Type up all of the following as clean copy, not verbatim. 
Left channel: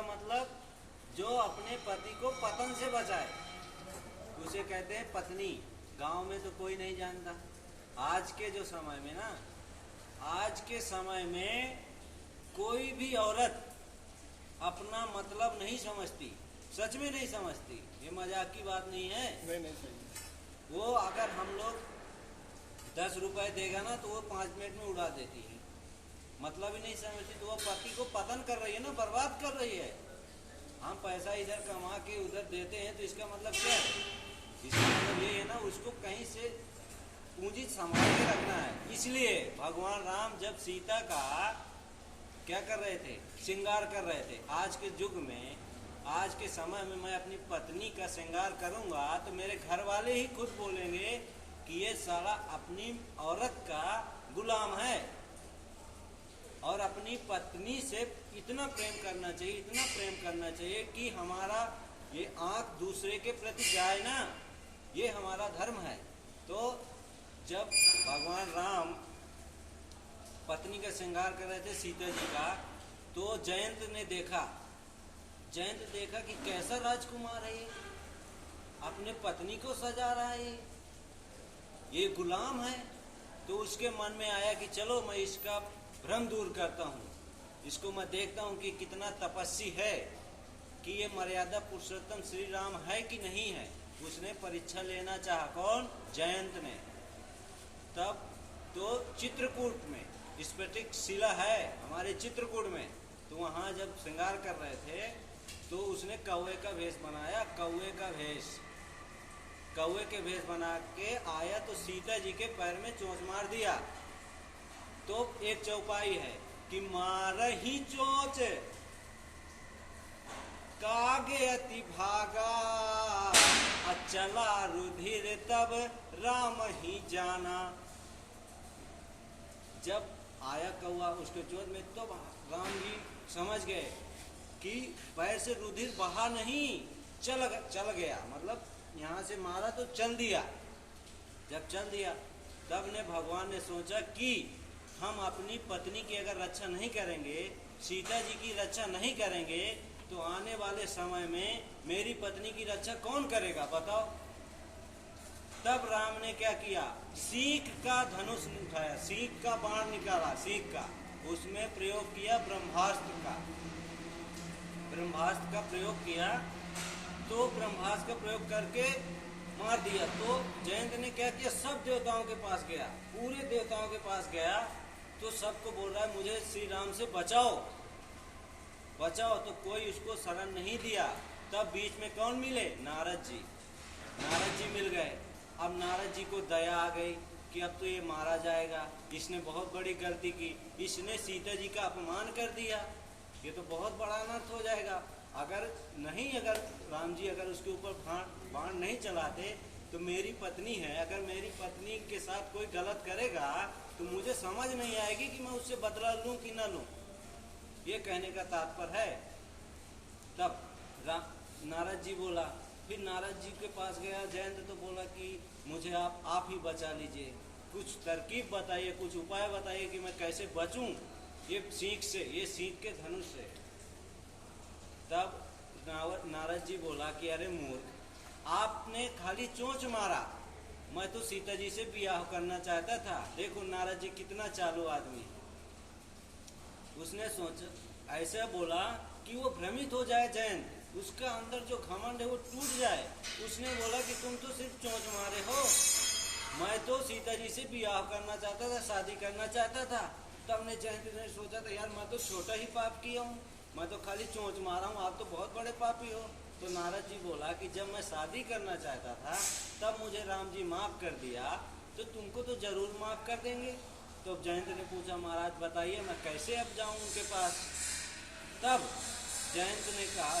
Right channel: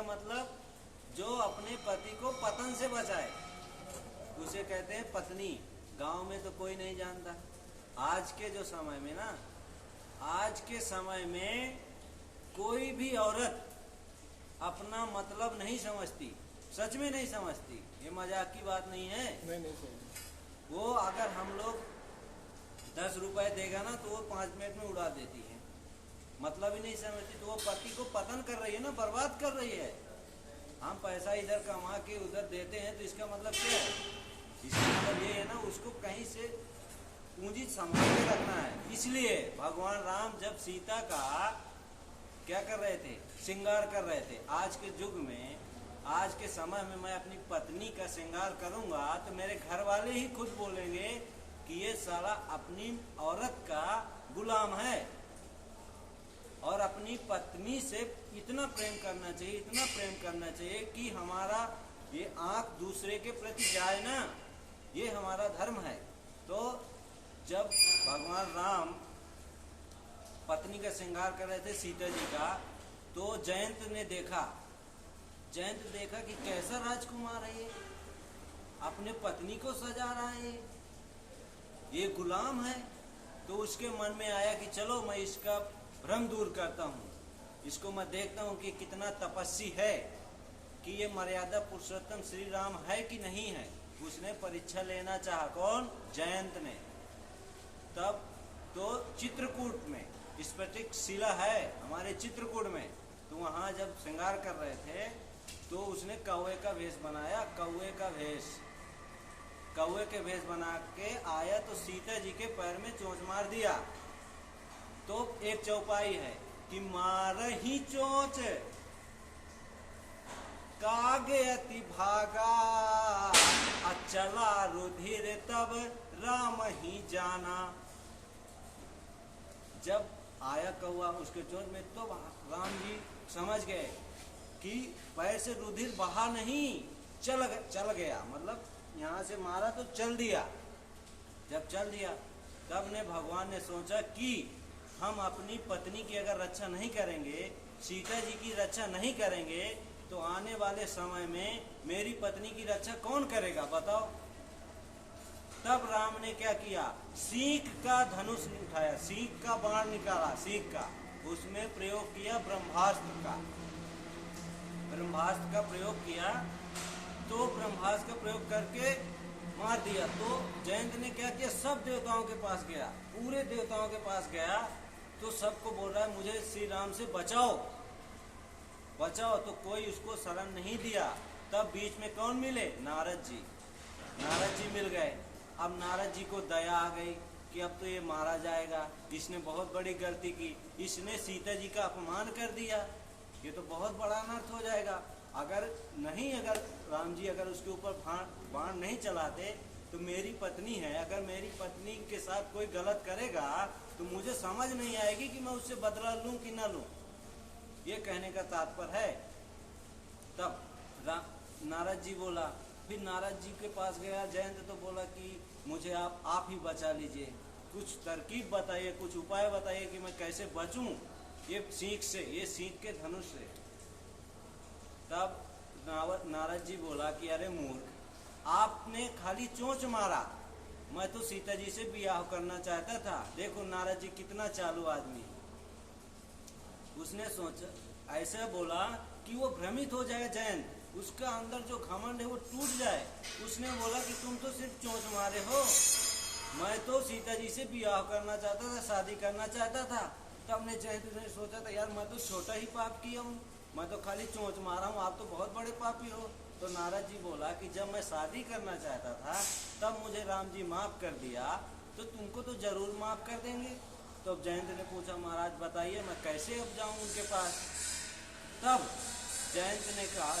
का मतलब जो अपने पति को पतन से बचाए, उसे कहते हैं पत्नी। गांव में तो कोई नहीं जानता। आज के जो समय में ना, आज के समय में कोई भी औरत अपना मतलब नहीं समझती, सच में नहीं समझती। ये मजाक की बात नहीं है। नहीं सही। वो अगर हम लोग 10 रुपए देगा ना तो वो 5 मिनट में उड़ा देती है, मतलब ही नहीं समझती। तो वो पति को पतन कर रही है ना, बर्बाद कर रही है। हम पैसा इधर कमा के उधर देते हैं तो इसका मतलब क्या है? इसका मतलब ये है ना, उसको कहीं से पूंजी संभाल के रखना है। इसलिए भगवान राम जब सीता का क्या कर रहे थे, श्रृंगार कर रहे थे। आज के युग में, आज के समय में मैं अपनी पत्नी का श्रृंगार करूंगा तो मेरे घर वाले ही खुद बोलेंगे कि ये सारा अपनी औरत का गुलाम है। और अपनी पत्नी से इतना प्रेम करना चाहिए, इतना प्रेम करना चाहिए कि हमारा ये आंख दूसरे के प्रति जाए ना, ये हमारा धर्म है। तो जब भगवान राम पत्नी का श्रृंगार कर रहे थे सीता जी का, तो जयंत ने देखा, कि कैसा राजकुमार है, ये अपने पत्नी को सजा रहा है, ये गुलाम है। तो उसके मन में आया कि चलो मैं इसका भ्रम दूर करता हूँ, इसको मैं देखता हूँ कि कितना तपस्वी है, कि ये मर्यादा पुरुषोत्तम श्री राम है कि नहीं है। उसने परीक्षा लेना चाहा। कौन? जयंत ने। तब तो चित्रकूट में स्फटिक शिला है हमारे चित्रकूट में, तो वहां जब श्रृंगार कर रहे थे तो उसने कौवे का वेश बनाया। कौवे के वेश बना के आया तो सीता जी के पैर में चोंच मार दिया। तो एक चौपाई है कि मारही चोंच कागे अति भागा, अचला रुधिर तब राम ही जाना। जब आया कौवा उसके चोंच में तो राम जी समझ गए कि पैर से रुधिर बहा नहीं, चल गया, मतलब यहाँ से मारा तो चल दिया। जब चल दिया तब ने भगवान ने सोचा कि हम अपनी पत्नी की अगर रक्षा नहीं करेंगे, सीता जी की रक्षा नहीं करेंगे, तो आने वाले समय में मेरी पत्नी की रक्षा कौन करेगा बताओ। तब राम ने क्या किया, सीख का धनुष उठाया, सीख का बाण निकाला, सीख का, उसमें प्रयोग किया ब्रह्मास्त्र का प्रयोग किया। तो ब्रह्मास्त्र का प्रयोग करके मार दिया। तो जयंत ने क्या किया, सब देवताओं के पास गया, पूरे देवताओं के पास गया। तो सबको बोल रहा है मुझे श्री राम से बचाओ। तो कोई उसको शरण नहीं दिया। तब बीच में कौन मिले? नारद जी मिल गए। अब नारद जी को दया आ गई कि अब तो ये मारा जाएगा, इसने बहुत बड़ी गलती की, इसने सीता जी का अपमान कर दिया, ये तो बहुत बड़ा अनर्थ हो जाएगा। अगर राम जी अगर उसके ऊपर बाण नहीं चलाते तो मेरी पत्नी है, अगर मेरी पत्नी के साथ कोई गलत करेगा तो मुझे समझ नहीं आएगी कि मैं उससे बदला लूं कि ना लूं। ये कहने का तात्पर्य है। तब नारद जी बोला, फिर नारद जी के पास गया जयंत, तो बोला कि मुझे आप ही बचा लीजिए, कुछ तरकीब बताइए, कुछ उपाय बताइए कि मैं कैसे बचूं ये सीख के धनुष से। तब नारद जी बोला कि अरे मूर्ख, आपने खाली चोंच मारा, मैं तो सीता जी से ब्याह करना चाहता था। देखो नारद जी कितना चालू आदमी। उसने सोचा, ऐसा बोला कि वो भ्रमित हो जाए जयंत, उसका अंदर जो घमंड है वो टूट जाए। उसने बोला कि तुम तो सिर्फ चोंच मारे हो, मैं तो सीता जी से ब्याह करना चाहता था, शादी करना चाहता था। तब ने जयंत ने सोचा था यार मैं तो छोटा ही पाप किया हूँ, मैं तो खाली चोंच मारा हूँ, आप तो बहुत बड़े पापी हो। तो नारद जी बोला कि जब मैं शादी करना चाहता था तब मुझे राम जी माफ कर दिया, तो तुमको तो जरूर माफ कर देंगे। तो जयंत ने पूछा महाराज बताइए मैं कैसे अब जाऊं उनके पास। तब जयंत ने कहा,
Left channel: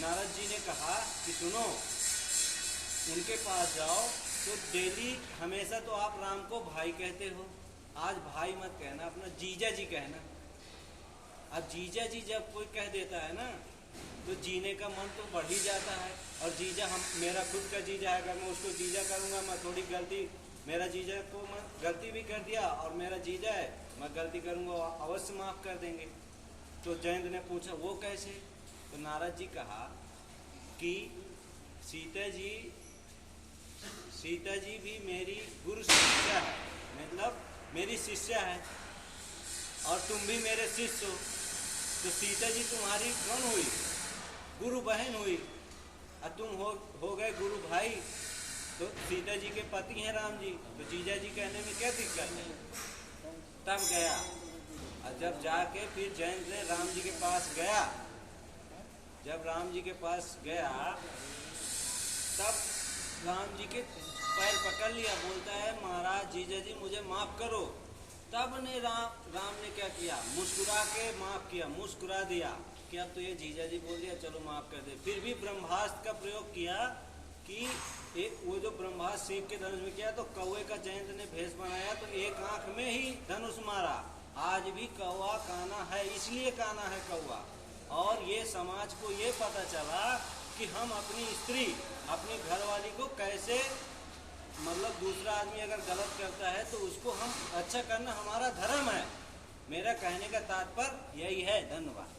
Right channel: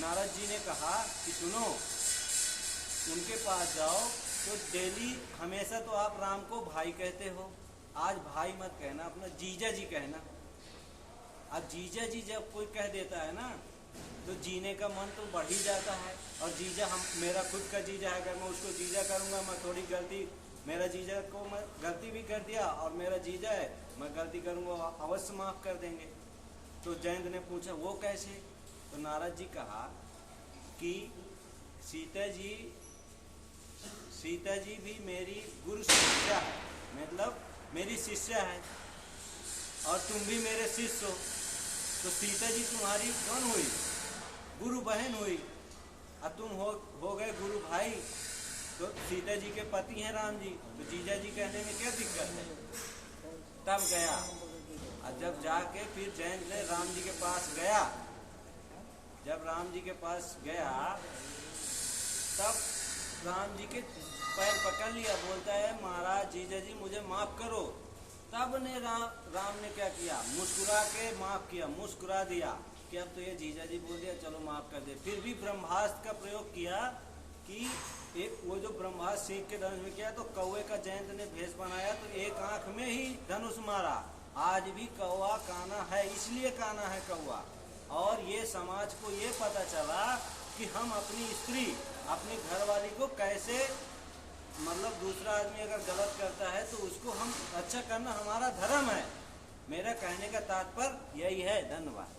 नारद जी ने कहा कि सुनो, उनके पास जाओ तो डेली हमेशा तो आप राम को भाई कहते हो, आज भाई मत कहना, अपना जीजा जी कहना। अब जीजा जी जब कोई कह देता है ना तो जीने का मन तो बढ़ ही जाता है। और जीजा, मेरा खुद का जीजा है, अगर मैं उसको जीजा करूंगा, मैं थोड़ी गलती, मेरा जीजा को मैं गलती भी कर दिया और मेरा जीजा है, मैं गलती करूंगा अवश्य माफ कर देंगे। तो जयंत ने पूछा वो कैसे? तो नारद जी कहा कि सीता जी भी मेरी गुरु शिष्या है, मतलब मेरी शिष्या है, और तुम भी मेरे शिष्य हो। तो सीता जी तुम्हारी कौन हुई? गुरु बहन हुई, और तुम हो गए गुरु भाई। तो सीता जी के पति हैं राम जी, तो जीजा जी कहने में क्या दिक्कत है? तब गया, और जब जाके फिर जैन से राम जी के पास गया, जब राम जी के पास गया तब राम जी के पैर पकड़ लिया, बोलता है महाराज जीजा जी मुझे माफ करो। तब ने राम ने क्या किया? मुस्कुरा के माफ किया, मुस्कुरा दिया कि अब तो ये जीजा जी बोल दिया, चलो माफ कर दे। फिर भी ब्रह्मास्त्र का प्रयोग किया कि वो जो ब्रह्मास्त्र सीख के धनुष में किया, तो कौवे का जयंत ने भेष बनाया, तो एक आंख में ही धनुष मारा। आज भी कौवा काना है, इसलिए काना है कौवा। और ये समाज को ये पता चला कि हम अपनी स्त्री, अपनी घरवाली को कैसे, मतलब दूसरा आदमी अगर गलत करता है तो उसको हम अच्छा करना हमारा धर्म है। मेरा कहने का तात्पर्य यही है। धन्यवाद।